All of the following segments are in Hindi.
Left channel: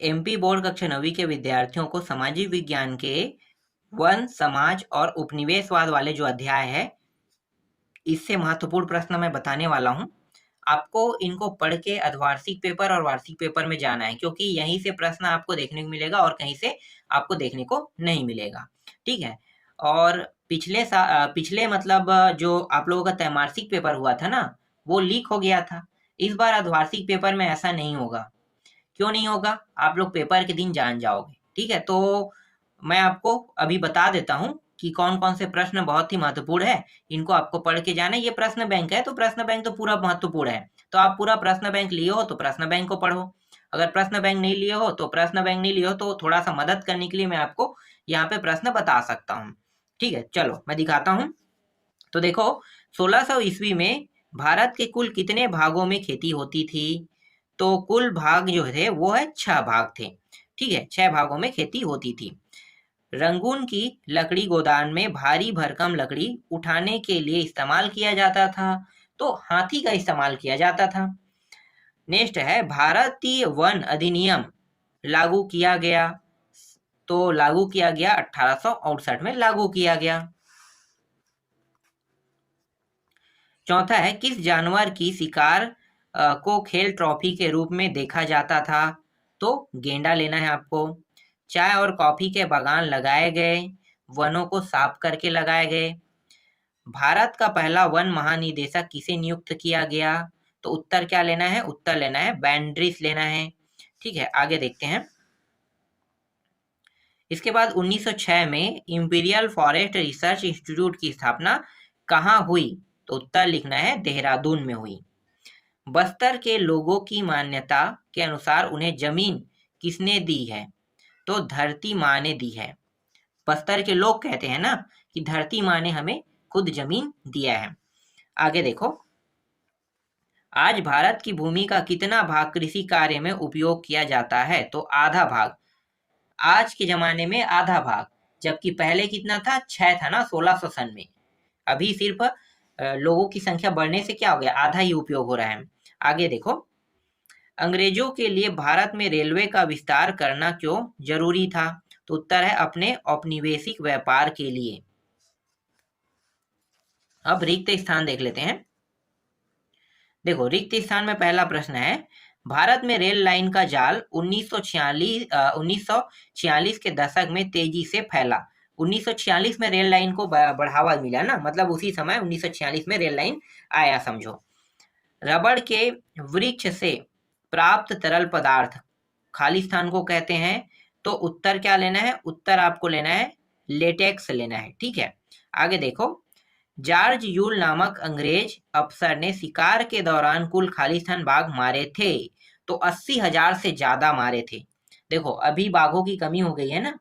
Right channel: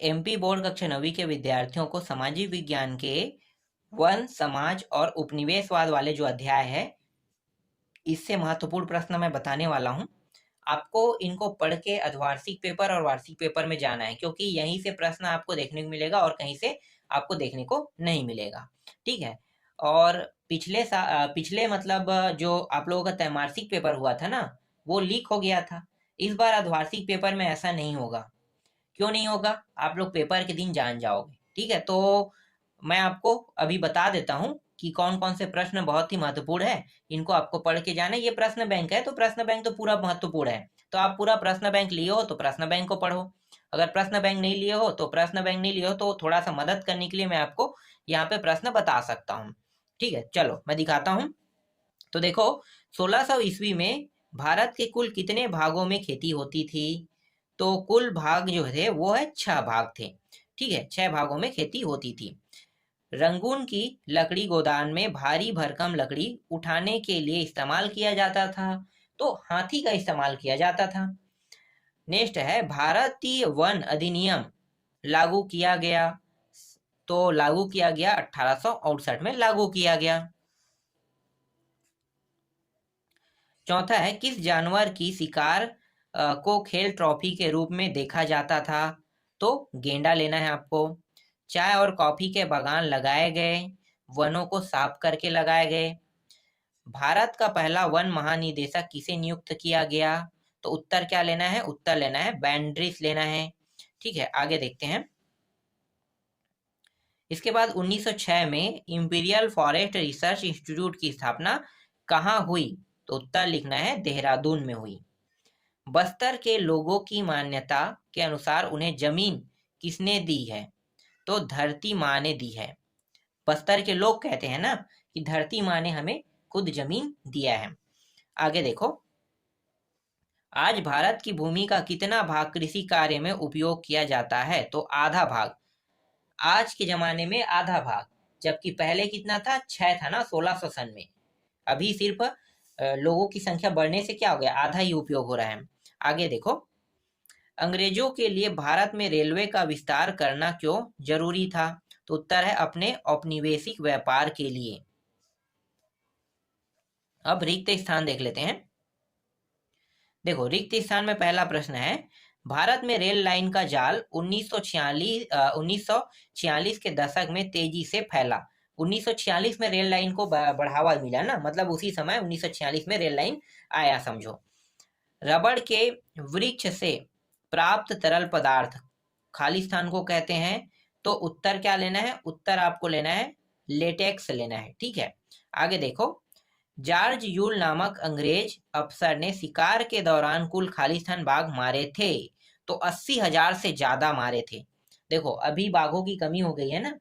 एमपी बोर्ड कक्षा 9वीं के विद्यार्थियों को सामाजिक विज्ञान के वन, समाज और उपनिवेशवाद वाले जो अध्याय है, इससे महत्वपूर्ण प्रश्न मैं बताने वाला हूँ। आपको इनको पढ़ के अर्धवार्षिक पेपर और वार्षिक पेपर में जाना है, क्योंकि यहीं से प्रश्न आपको देखने को मिलेगा और कहीं से आपको देखने को नहीं मिलेगा। ठीक है? और पिछले मतलब जो आप लोगों का त्रैमासिक पेपर हुआ था ना, वो लीक हो गया था। इस बार अर्धवार्षिक पेपर में ऐसा नहीं होगा। क्यों नहीं होगा? आप लोग पेपर के दिन जान जाओगे। ठीक है? तो मैं आपको अभी बता देता हूँ कि कौन-कौन से प्रश्न बहुत ही महत्वपूर्ण है, इनको आपको पढ़ के जाना है। ये प्रश्न बैंक है, तो प्रश्न बैंक तो पूरा महत्वपूर्ण है। तो आप पूरा प्रश्न बैंक लिए हो, तो प्रश्न बैंक को पढ़ो। अगर प्रश्न बैंक नहीं लिए हो, तो प्रश्न बैंक नहीं लिए हो, तो थोड़ा-सा मदद करने के लिए मैं आपको यहाँ पे प्रश्न बता सकता हूँ। ठीक है? चलो, मैं दिखाता हूँ। तो देखो, 1600 ईस्वी में भारत के कुल कितने भागों में खेती होती थी? तो कुल भाग जो थे वो है 6 भाग थे। ठीक है? 6 भागों में खेती होती थी। रंगून की लकड़ी गोदान में भारी भरकम लकड़ी उठाने के लिए इस्तेमाल किया जाता था, तो हाथी का इस्तेमाल किया जाता था। नेक्स्ट है, भारतीय वन अधिनियम लागू किया गया, तो लागू किया गया 1868 में लागू किया गया। चौथा है, किस जानवर की शिकार को खेल ट्रॉफी के रूप में देखा जाता था? तो गेंडा लेना है आपको। चाय और कॉफी के बागान लगाए गए, वनों को साफ करके लगाए गए। भारत का पहला वन महानिदेशक किसे नियुक्त किया गया? तो उत्तर क्या लेना है? उत्तर लेना है बैंड्रिस लेना है। ठीक है, आगे देखते हैं। इसके बाद 1906 में इंपीरियल फॉरेस्ट रिसर्च इंस्टीट्यूट की स्थापना कहाँ हुई? तो उत्तर लिखना है देहरादून में हुई। बस्तर के लोगों की मान्यता के अनुसार उन्हें जमीन किसने दी है? तो धरती माँ ने दी है। बस्तर के लोग कहते हैं ना कि धरती माँ ने हमें खुद जमीन दिया है। आगे देखो, आज भारत की भूमि का कितना भाग कृषि कार्य में उपयोग किया जाता है? तो आधा भाग। आज के जमाने में आधा भाग, जबकि पहले कितना था? 6 था ना 1600 सन में। अभी सिर्फ लोगों की संख्या बढ़ने से क्या हो गया? आधा ही उपयोग हो रहा है। आगे देखो, अंग्रेजों के लिए भारत में रेलवे का विस्तार करना क्यों जरूरी था? तो उत्तर है अपने औपनिवेशिक व्यापार के लिए। अब रिक्त स्थान देख लेते हैं। देखो, रिक्त स्थान में पहला प्रश्न है, भारत में रेल लाइन का जाल 1946 के दशक में तेजी से फैला। 1946 में रेल लाइन को बढ़ावा मिला ना, मतलब उसी समय 1946 में रेल लाइन आया समझो। रबड़ के वृक्ष से प्राप्त तरल पदार्थ खालिस्तान को कहते हैं, तो उत्तर क्या लेना है? उत्तर आपको लेना है लेटेक्स लेना है। ठीक है, आगे देखो, जॉर्ज यूल नामक अंग्रेज अफसर ने शिकार के दौरान कुल खालिस्तान बाघ मारे थे, तो 80,000 से ज्यादा मारे थे। देखो, अभी बाघों की कमी हो गई है ना,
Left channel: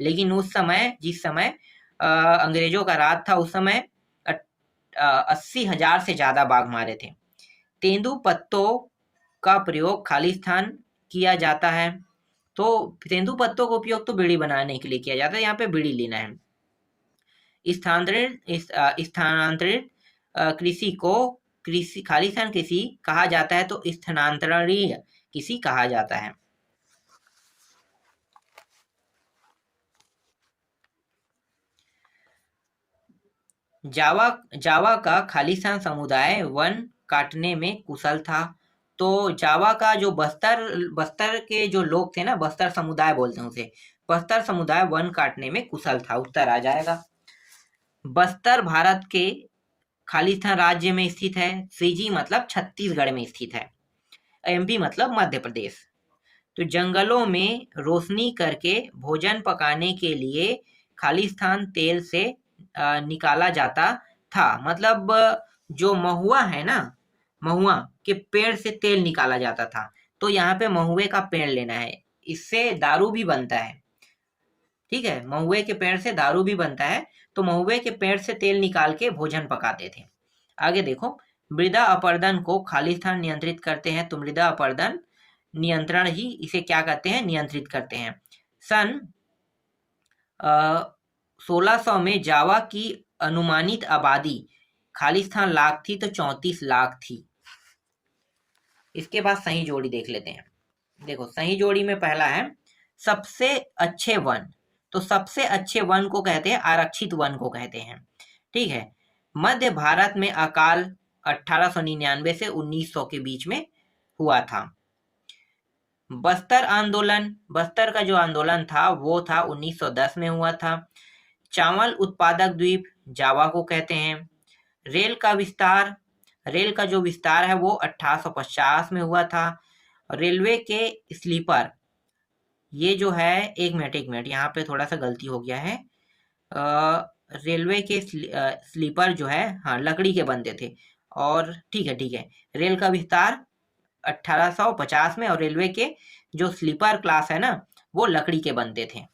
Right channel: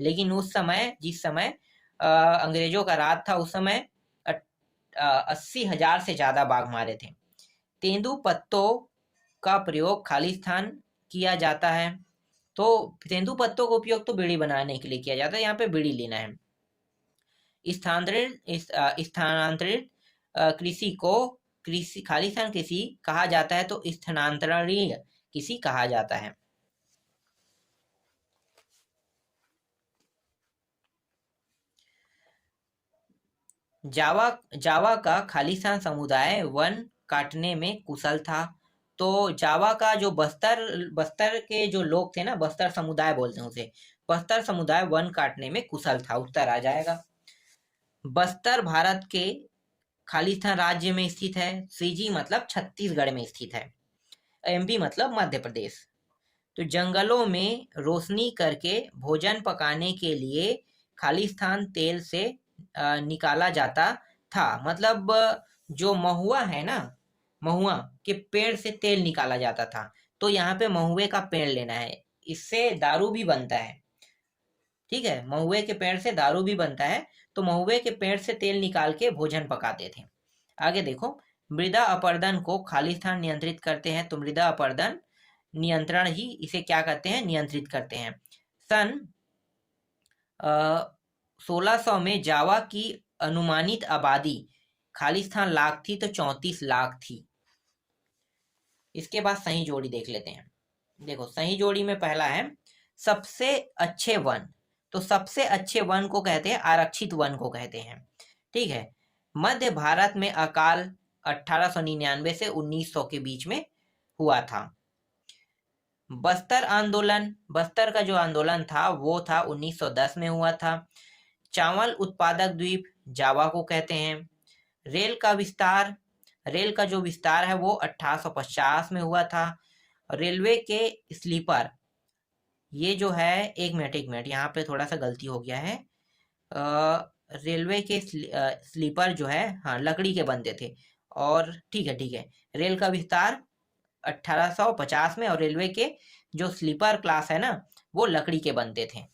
लेकिन उस समय जिस समय अंग्रेजों का राज था, उस समय 80,000 से ज्यादा बाघ मारे थे। तेंदू पत्तों का प्रयोग खालिस्तान किया जाता है, तो तेंदू पत्तों का उपयोग तो बीड़ी बनाने के लिए किया जाता है, यहाँ पे बीड़ी लेना है। स्थानांतरित कृषि को खालिस्तान कृषि कहा जाता है, तो स्थानांतरणीय कृषि कहा जाता है। जावा का खालिस्तान समुदाय वन काटने में कुशल था, तो जावा का जो बस्तर के जो लोग थे ना, बस्तर समुदाय बोलते हैं उसे, बस्तर समुदाय वन काटने में कुशल था, उत्तर आ जाएगा। बस्तर भारत के खालिस्तान राज्य में स्थित है। श्रीजी मतलब छत्तीसगढ़ में स्थित है। एमपी मतलब मध्य प्रदेश। तो जंगलों में रोशनी करके भोजन पकाने के लिए खालिस्तान तेल से निकाला जाता था। मतलब जो महुआ है ना, महुआ के पेड़ से तेल निकाला जाता था, तो यहाँ पे महुए का पेड़ लेना है, इससे दारू भी बनता है। ठीक है, महुए के पेड़ से दारू भी बनता है, तो महुए के पेड़ से तेल निकाल के भोजन पकाते थे। आगे देखो, मृदा अपरदन को खालिस्तान नियंत्रित करते हैं, तो मृदा अपरदन नियंत्रण ही इसे क्या करते हैं? नियंत्रित करते हैं। सन 1600 में जावा की अनुमानित आबादी खालिस्तान लाख थी, तो 34 लाख थी। इसके बाद सही जोड़ी देख लेते हैं। देखो सही जोड़ी में पहला है सबसे अच्छे वन। तो सबसे अच्छे वन को कहते हैं आरक्षित वन को कहते हैं। ठीक है। मध्य भारत में अकाल 1899 से 1900 के बीच में हुआ था। बस्तर आंदोलन, बस्तर का जो आंदोलन था वो था 1910 में हुआ था। चावल उत्पादक द्वीप जावा को कहते हैं। रेल का विस्तार, रेल का जो विस्तार है वो 1850 में हुआ था। रेलवे के स्लीपर, ये जो है एक मिनट यहाँ पे थोड़ा सा गलती हो गया है। रेलवे के स्लीपर जो है हाँ लकड़ी के बनते थे। और ठीक है, रेल का विस्तार 1850 में, और रेलवे के जो स्लीपर क्लास है ना वो लकड़ी के बनते थे।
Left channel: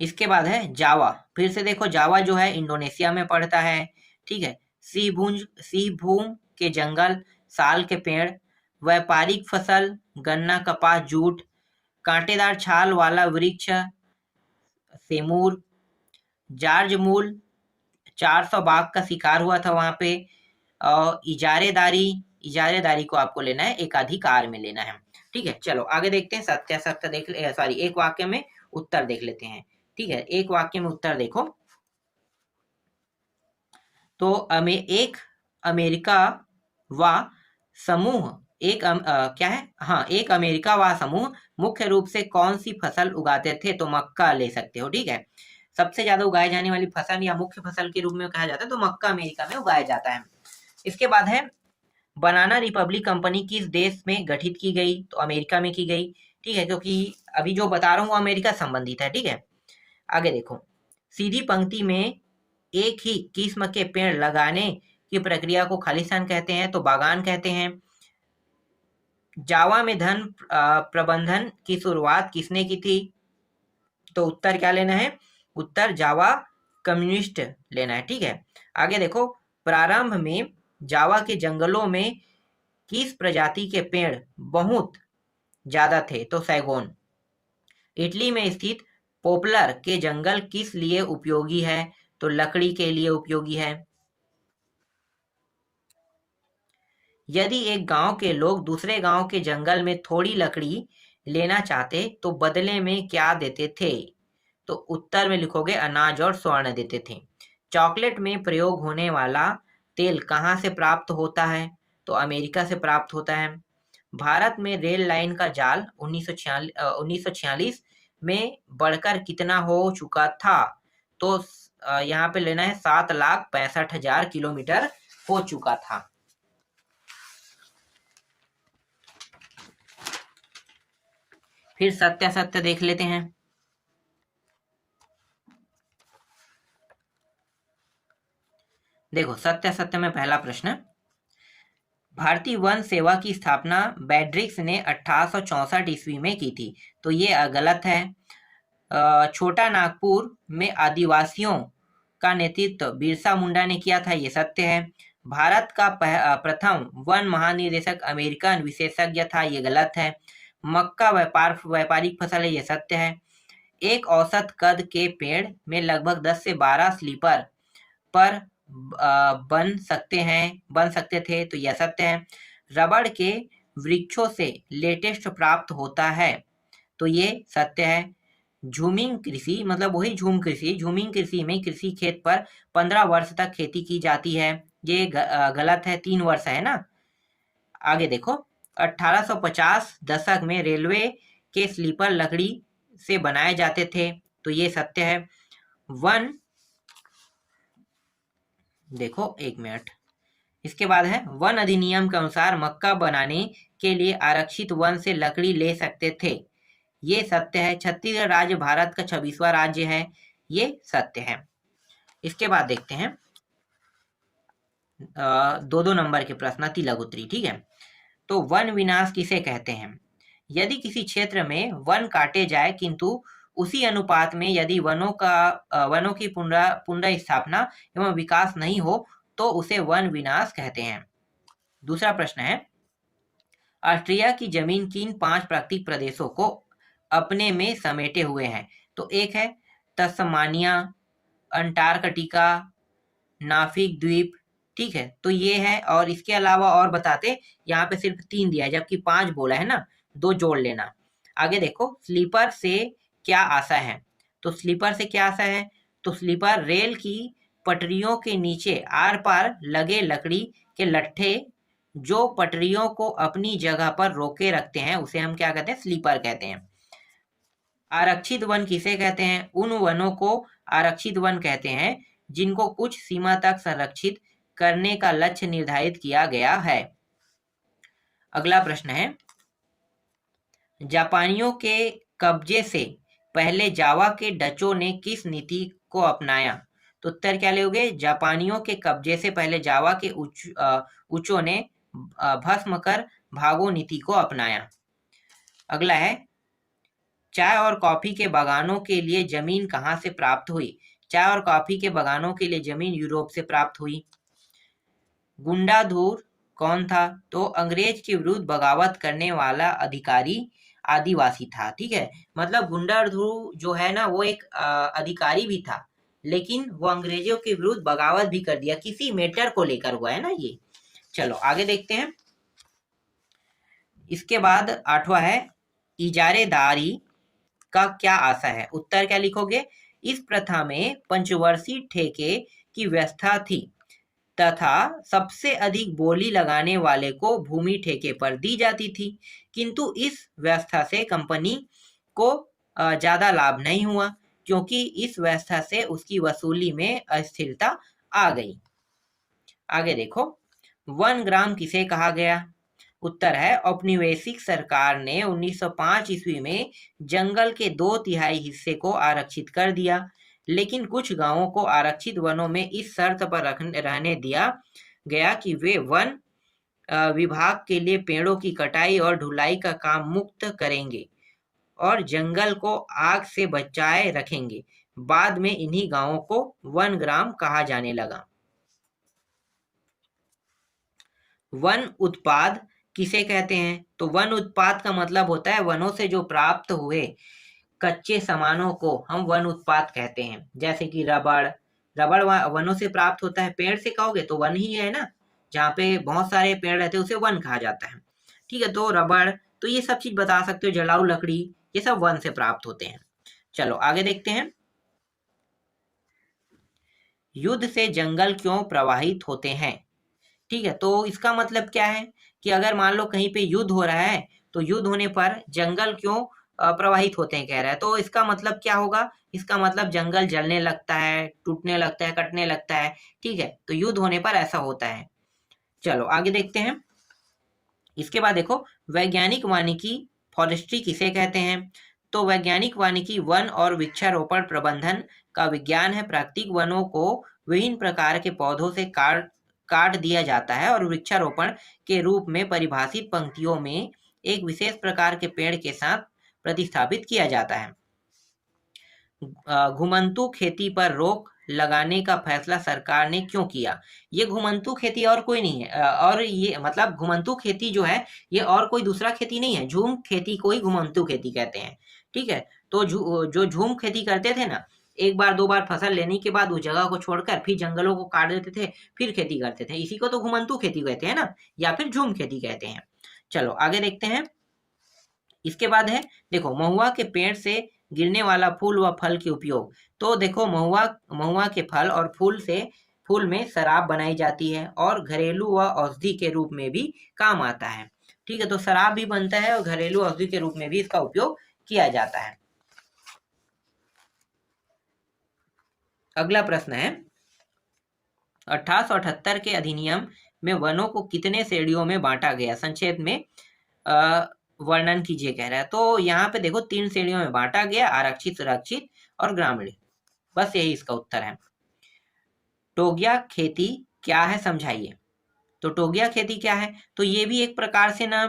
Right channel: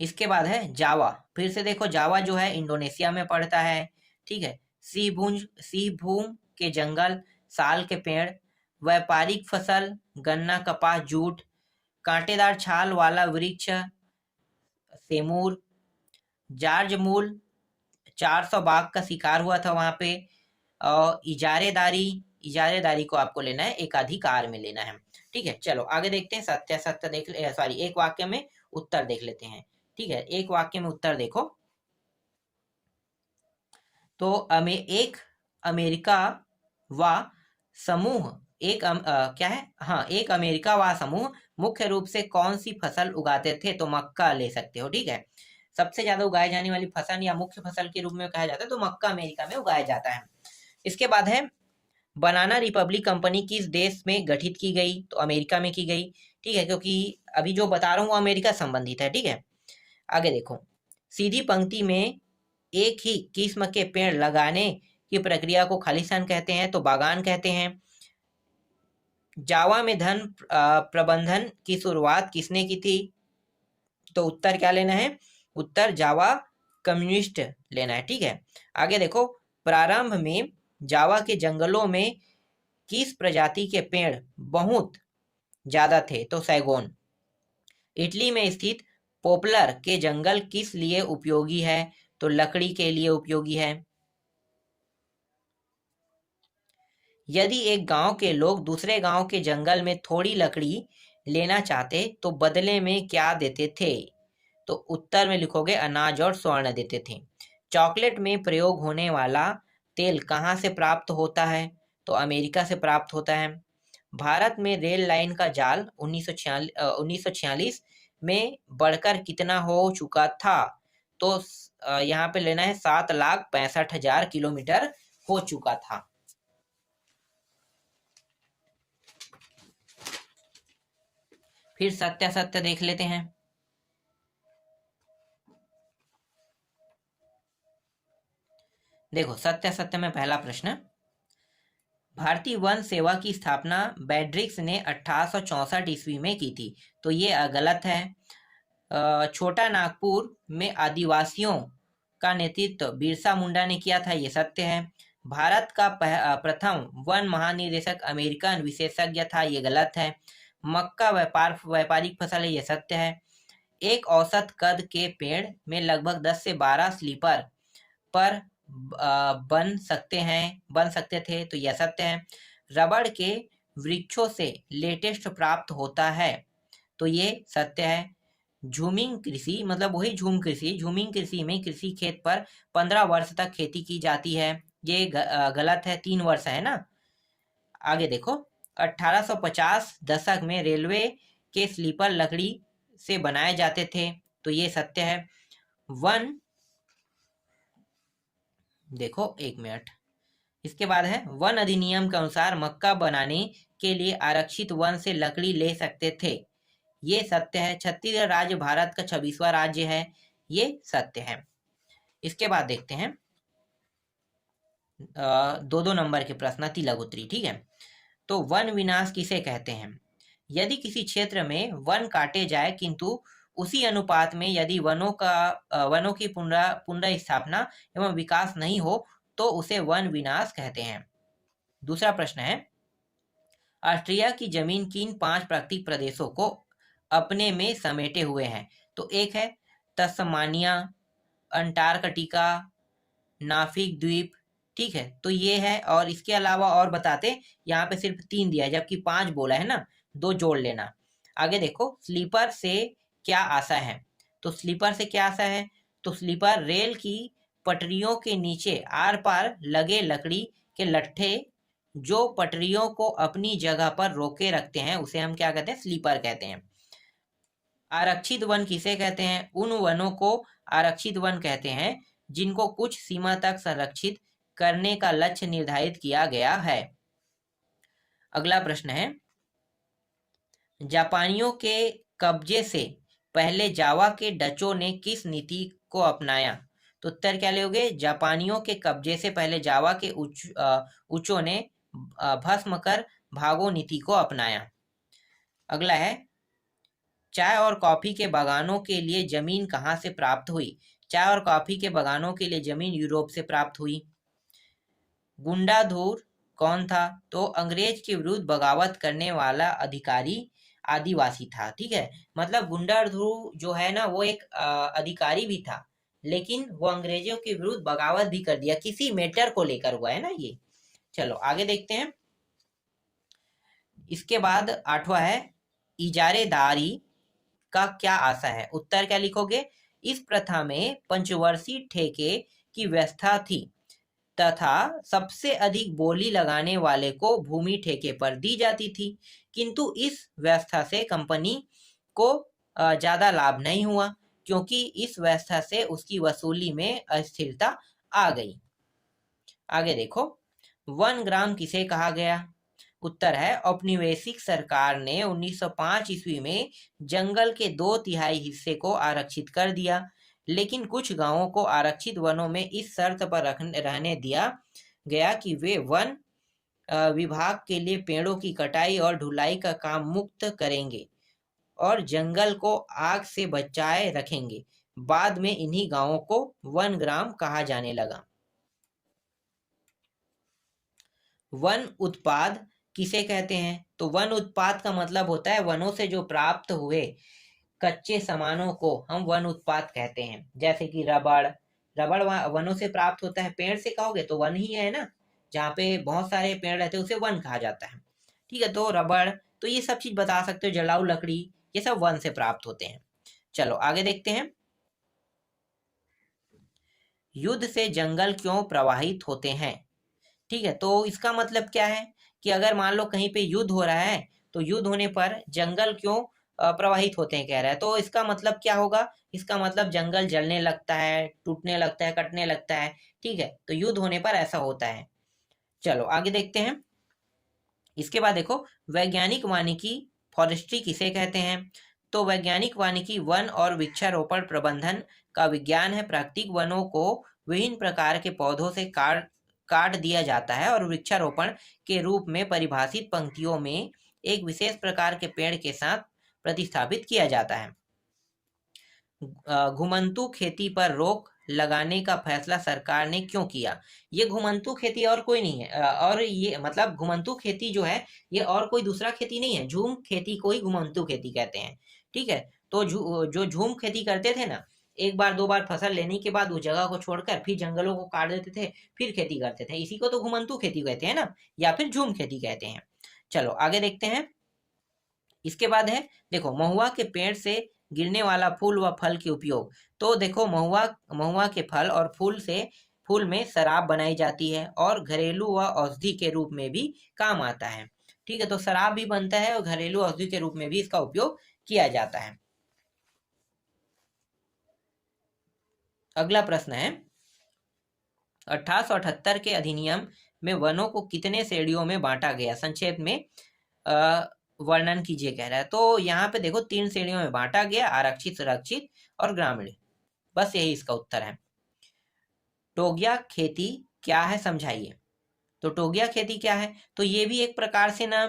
इसके बाद है जावा। फिर से देखो जावा जो है इंडोनेशिया में पड़ता है। ठीक है। सी भूम के जंगल, साल के पेड़, व्यापारिक फसल गन्ना, कपास, जूट, कांटेदार छाल वाला वृक्ष सेमूर, जार्ज मूल 400 बाघ का शिकार हुआ था वहां पे। और इजारेदारी, इजारेदारी को आपको लेना है एकाधिकार में लेना है। ठीक है, चलो आगे देखते हैं। सत्यासत्य देख ले, सॉरी एक वाक्य में उत्तर देख लेते हैं। ठीक है, एक वाक्य में उत्तर देखो। तो एक अमेरिका व समूह, क्या है, हाँ, एक अमेरिका व समूह मुख्य रूप से कौन सी फसल उगाते थे? तो मक्का ले सकते हो। ठीक है, सबसे ज्यादा उगाई जाने वाली फसल या मुख्य फसल के रूप में कहा जाता है तो मक्का अमेरिका में उगाया जाता है। इसके बाद है बनाना रिपब्लिक कंपनी किस देश में गठित की गई? तो अमेरिका में की गई। ठीक है, क्योंकि अभी जो बता रहा हूँ वो अमेरिका संबंधित है। ठीक है, आगे देखो। सीधी पंक्ति में एक ही किस्म के पेड़ लगाने की प्रक्रिया को खालिस्तान कहते हैं तो बागान कहते हैं। जावा में धन प्रबंधन की शुरुआत किसने की थी? तो उत्तर क्या लेना है? उत्तर जावा कम्युनिस्ट लेना है। ठीक है, आगे देखो। प्रारंभ में जावा के जंगलों में किस प्रजाति के पेड़ बहुत ज्यादा थे? तो सैगोन। इटली में स्थित पोपलर के जंगल किस लिए उपयोगी है? तो लकड़ी के लिए उपयोगी है। यदि एक गांव के लोग दूसरे गांव के जंगल में थोड़ी लकड़ी लेना चाहते तो बदले में क्या देते थे? तो उत्तर में लिखोगे अनाज और स्वर्ण देते थे। चॉकलेट में प्रयोग होने वाला तेल कहाँ से प्राप्त होता है? तो अमेरिका से प्राप्त होता है। भारत में रेल लाइन का जाल 1946 में बढ़कर कितना हो चुका था? तो यहाँ पे लेना है 7,65,000 किलोमीटर हो चुका था। फिर सत्यासत्य देख लेते हैं। देखो सत्यासत्य में पहला प्रश्न, भारतीय वन सेवा की स्थापना बेड्रिक्स ने 1864 ईस्वी में की थी। तो ये गलत है। छोटा नागपुर में आदिवासियों का नेतृत्व बिरसा मुंडा ने किया था, ये सत्य है। भारत का प्रथम वन महानिदेशक अमेरिकन विशेषज्ञ था, ये गलत है। मक्का व्यापारिक फसल है, ये सत्य है। एक औसत कद के पेड़ में लगभग 10 से 12 स्लीपर पर बन सकते थे, तो यह सत्य है। रबड़ के वृक्षों से लेटेस्ट प्राप्त होता है, तो ये सत्य है। झूमिंग कृषि मतलब वही झूम कृषि, झूमिंग कृषि में कृषि खेत पर 15 वर्ष तक खेती की जाती है, ये गलत है, 3 वर्ष है ना। आगे देखो। 1850 दशक में रेलवे के स्लीपर लकड़ी से बनाए जाते थे, तो ये सत्य है। वन, देखो एक मिनट, इसके बाद है वन अधिनियम के अनुसार मक्का बनाने के लिए आरक्षित वन से लकड़ी ले सकते थे, ये सत्य है। छत्तीसगढ़ राज्य भारत का 26वां राज्य है, ये सत्य है। इसके बाद देखते हैं 2-2 नंबर के प्रश्न, अति लघु उत्तरी। ठीक है, तो वन विनाश किसे कहते हैं? यदि किसी क्षेत्र में वन काटे जाए किंतु उसी अनुपात में यदि वनों की पुनः स्थापना एवं विकास नहीं हो तो उसे वन विनाश कहते हैं। दूसरा प्रश्न है, ऑस्ट्रेलिया की जमीन किन 5 प्राकृतिक प्रदेशों को अपने में समेटे हुए हैं? तो एक है तस्मानिया, अंटार्कटिका, नाफिक द्वीप, ठीक है, तो ये है। और इसके अलावा और बताते, यहाँ पे सिर्फ 3 दिया है जबकि 5 बोला है ना, 2 जोड़ लेना। आगे देखो, स्लीपर से क्या आशा है? तो स्लीपर से क्या आशा है? तो स्लीपर रेल की पटरियों के नीचे आर पार लगे लकड़ी के लट्ठे जो पटरियों को अपनी जगह पर रोके रखते हैं, उसे हम क्या कहते हैं? स्लीपर कहते हैं। आरक्षित वन किसे कहते हैं? उन वनों को आरक्षित वन कहते हैं जिनको कुछ सीमा तक संरक्षित करने का लक्ष्य निर्धारित किया गया है। अगला प्रश्न है, जापानियों के कब्जे से पहले जावा के डचों ने किस नीति को अपनाया? तो उत्तर क्या लोगे? जापानियों के कब्जे से पहले जावा के उच्चों ने भस्म कर भागो नीति को अपनाया। अगला है, चाय और कॉफी के बागानों के लिए जमीन कहाँ से प्राप्त हुई? चाय और कॉफी के बागानों के लिए जमीन यूरोप से प्राप्त हुई। गुंडाधुर कौन था? तो अंग्रेज के विरुद्ध बगावत करने वाला अधिकारी आदिवासी था। ठीक है, मतलब गुंडाधुर जो है ना, वो एक अधिकारी भी था, लेकिन वो अंग्रेजों के विरुद्ध बगावत भी कर दिया, किसी मैटर को लेकर हुआ है ना ये। चलो आगे देखते हैं। इसके बाद 8वां है, इजारेदारी का क्या आशा है? उत्तर क्या लिखोगे? इस प्रथा में पंचवर्षीय ठेके की व्यवस्था थी तथा सबसे अधिक बोली लगाने वाले को भूमि ठेके पर दी जाती थी, किंतु इस व्यवस्था से कंपनी को ज्यादा लाभ नहीं हुआ क्योंकि इस व्यवस्था से उसकी वसूली में अस्थिरता आ गई। आगे देखो, 1 ग्राम किसे कहा गया? उत्तर है, औपनिवेशिक सरकार ने 1905 ईस्वी में जंगल के 2/3 हिस्से को आरक्षित कर दिया, लेकिन कुछ गांवों को आरक्षित वनों में इस शर्त पर रहने दिया गया कि वे वन विभाग के लिए पेड़ों की कटाई और ढुलाई का काम मुक्त करेंगे और जंगल को आग से बचाए रखेंगे। बाद में इन्हीं गांवों को 1 ग्राम कहा जाने लगा। वन उत्पाद किसे कहते हैं? तो वन उत्पाद का मतलब होता है वनों से जो प्राप्त हुए कच्चे सामानों को हम वन उत्पाद कहते हैं। जैसे कि रबड़, रबड़ वनों से प्राप्त होता है। पेड़ से कहोगे तो वन ही है ना, जहाँ पे बहुत सारे पेड़ रहते हैं उसे वन कहा जाता है। ठीक है, तो रबड़, तो ये सब चीज बता सकते हो, जलाऊ लकड़ी, ये सब वन से प्राप्त होते हैं। चलो आगे देखते हैं, युद्ध से जंगल क्यों प्रभावित होते हैं? ठीक है, तो इसका मतलब क्या है कि अगर मान लो कहीं पे युद्ध हो रहा है तो युद्ध होने पर जंगल क्यों प्रवाहित होते हैं कह रहा है। तो इसका मतलब क्या होगा? इसका मतलब जंगल जलने लगता है, टूटने लगता है, कटने लगता है। ठीक है, तो युद्ध होने पर ऐसा होता है। चलो आगे देखते हैं। इसके बाद देखो, वैज्ञानिक वानिकी फॉरेस्ट्री किसे कहते हैं? तो वैज्ञानिक वानिकी वन और वृक्षारोपण प्रबंधन का विज्ञान है। प्राकृतिक वनों को विभिन्न प्रकार के पौधों से काट दिया जाता है और वृक्षारोपण के रूप में परिभाषित पंक्तियों में एक विशेष प्रकार के पेड़ के साथ प्रतिस्थापित किया जाता है। घुमंतू खेती पर रोक लगाने का फैसला सरकार ने क्यों किया? ये घुमंतू खेती और कोई नहीं है, और ये मतलब घुमंतू खेती जो है ये और कोई दूसरा खेती नहीं है, झूम खेती को ही घुमंतू खेती कहते हैं। ठीक है, तो जो झूम खेती करते थे ना, एक बार 2 बार फसल लेने के बाद उस जगह को छोड़कर फिर जंगलों को काट देते थे, फिर खेती करते थे, इसी को तो घुमंतू खेती कहते हैं ना, या फिर झूम खेती कहते हैं। चलो आगे देखते हैं। इसके बाद है, देखो, महुआ के पेड़ से गिरने वाला फूल व फल के उपयोग। तो देखो, महुआ के फल और फूल में शराब बनाई जाती है और घरेलू व औषधि के रूप में भी काम आता है। ठीक है, तो शराब भी बनता है और घरेलू औषधि के रूप में भी इसका उपयोग किया जाता है। अगला प्रश्न है, 1878 के अधिनियम में वनों को कितने श्रेणियों में बांटा गया? संक्षेप में वर्णन कीजिए कह रहा है। तो यहाँ पे देखो 3 श्रेणियों में बांटा गया, आरक्षित, सुरक्षित और ग्रामीण। बस यही इसका उत्तर है। टोगिया खेती क्या है, समझाइए। तो टोगिया खेती क्या है? तो ये भी एक प्रकार से ना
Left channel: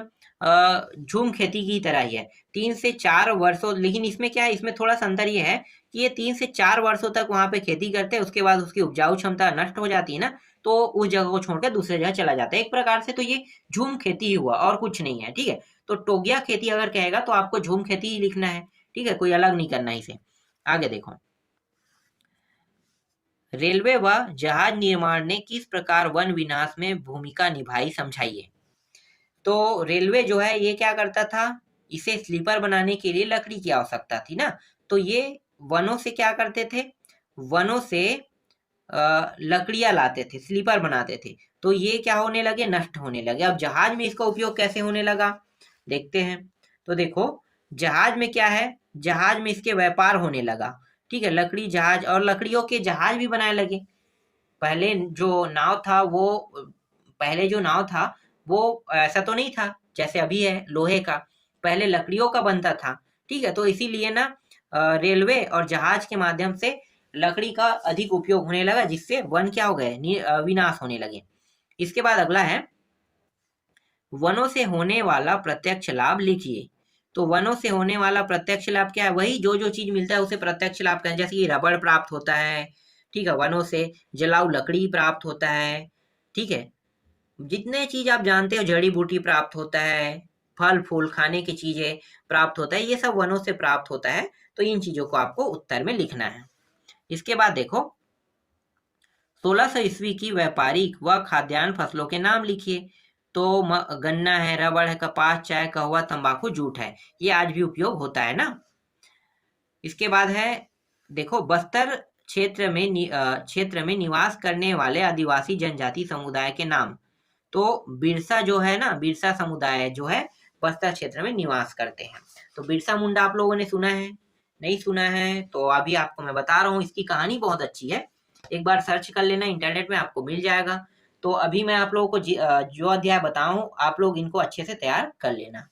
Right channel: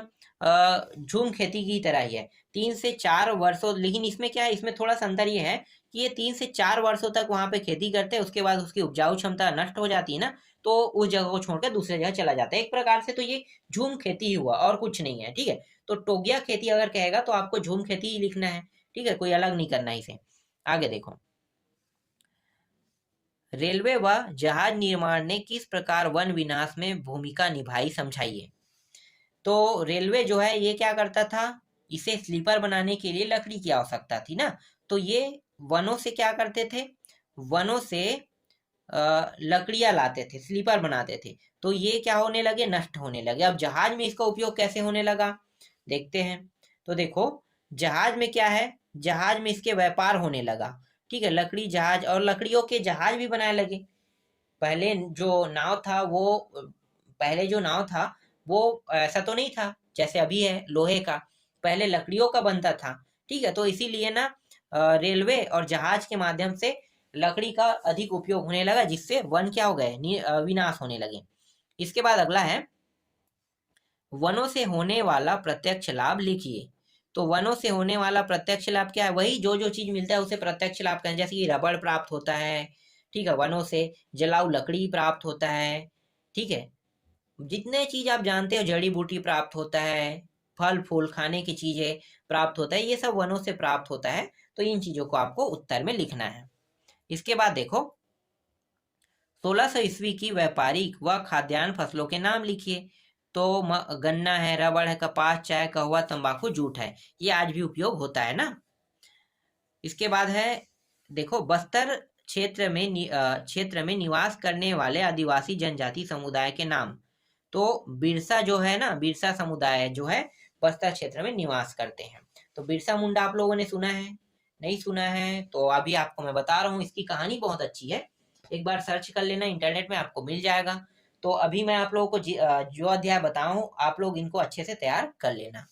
झूम खेती की तरह ही है। 3 से 4 वर्षों, लेकिन इसमें क्या है, इसमें थोड़ा सा अंतर ये है कि ये 3 से 4 वर्षों तक वहां पे खेती करते हैं, उसके बाद उसकी उपजाऊ क्षमता नष्ट हो जाती है ना, तो उस जगह को छोड़कर दूसरी जगह चला जाता है। एक प्रकार से तो ये झूम खेती ही हुआ और कुछ नहीं है। ठीक है, तो टोगिया खेती अगर कहेगा तो आपको झूम खेती ही लिखना है। ठीक है, कोई अलग नहीं करना इसे। आगे देखो, रेलवे व जहाज निर्माण ने किस प्रकार वन विनाश में भूमिका निभाई, समझाइए। तो रेलवे जो है ये क्या करता था, इसे स्लीपर बनाने के लिए लकड़ी की आवश्यकता थी ना, तो ये वनों से क्या करते थे, वनों से लकड़ियां लाते थे, स्लीपर बनाते थे, तो ये क्या होने लगे, नष्ट होने लगे। अब जहाज में इसका उपयोग कैसे होने लगा, देखते हैं। तो देखो जहाज में क्या है, जहाज में इसके व्यापार होने लगा, ठीक है, लकड़ी जहाज, और लकड़ियों के जहाज भी बनाने लगे। पहले जो नाव था वो पहले जो नाव था वो ऐसा तो नहीं था जैसे अभी है लोहे का, पहले लकड़ियों का बनता था, ठीक है। तो इसीलिए ना रेलवे और जहाज के माध्यम से लकड़ी का अधिक उपयोग होने लगा, जिससे वन क्या हो गए, विनाश होने लगे। इसके बाद अगला है, वनों से होने वाला प्रत्यक्ष लाभ लिखिए। तो वनों से होने वाला प्रत्यक्ष लाभ क्या है, वही जो जो चीज मिलता है उसे प्रत्यक्ष लाभ कहते हैं। जैसे कि रबड़ प्राप्त होता है, ठीक है, वनों से जलाऊ लकड़ी प्राप्त होता है, ठीक है, जितने चीज आप जानते हो, जड़ी बूटी प्राप्त होता है, फल फूल खाने की चीजें प्राप्त होता है, ये सब वनों से प्राप्त होता है। तो इन चीजों को आपको उत्तर में लिखना है। इसके बाद देखो 1600 ईस्वी की व्यापारिक व खाद्यान्न फसलों के नाम लिखिए। तो गन्ना है, रबड़ है, कपास, चाय, कहवा, तंबाकू, जूट है, ये आज भी उपयोग होता है ना। इसके बाद है देखो बस्तर क्षेत्र में निवास करने वाले आदिवासी जनजाति समुदाय के नाम। तो बिरसा जो है ना, बिरसा समुदाय जो है बस्तर क्षेत्र में निवास करते हैं। तो बिरसा मुंडा आप लोगों ने सुना है, नहीं सुना है तो अभी आपको मैं बता रहा हूँ, इसकी कहानी बहुत अच्छी है, एक बार सर्च कर लेना, इंटरनेट में आपको मिल जाएगा। तो अभी मैं आप लोगों को जो अध्याय बताऊं आप लोग इनको अच्छे से तैयार कर लेना।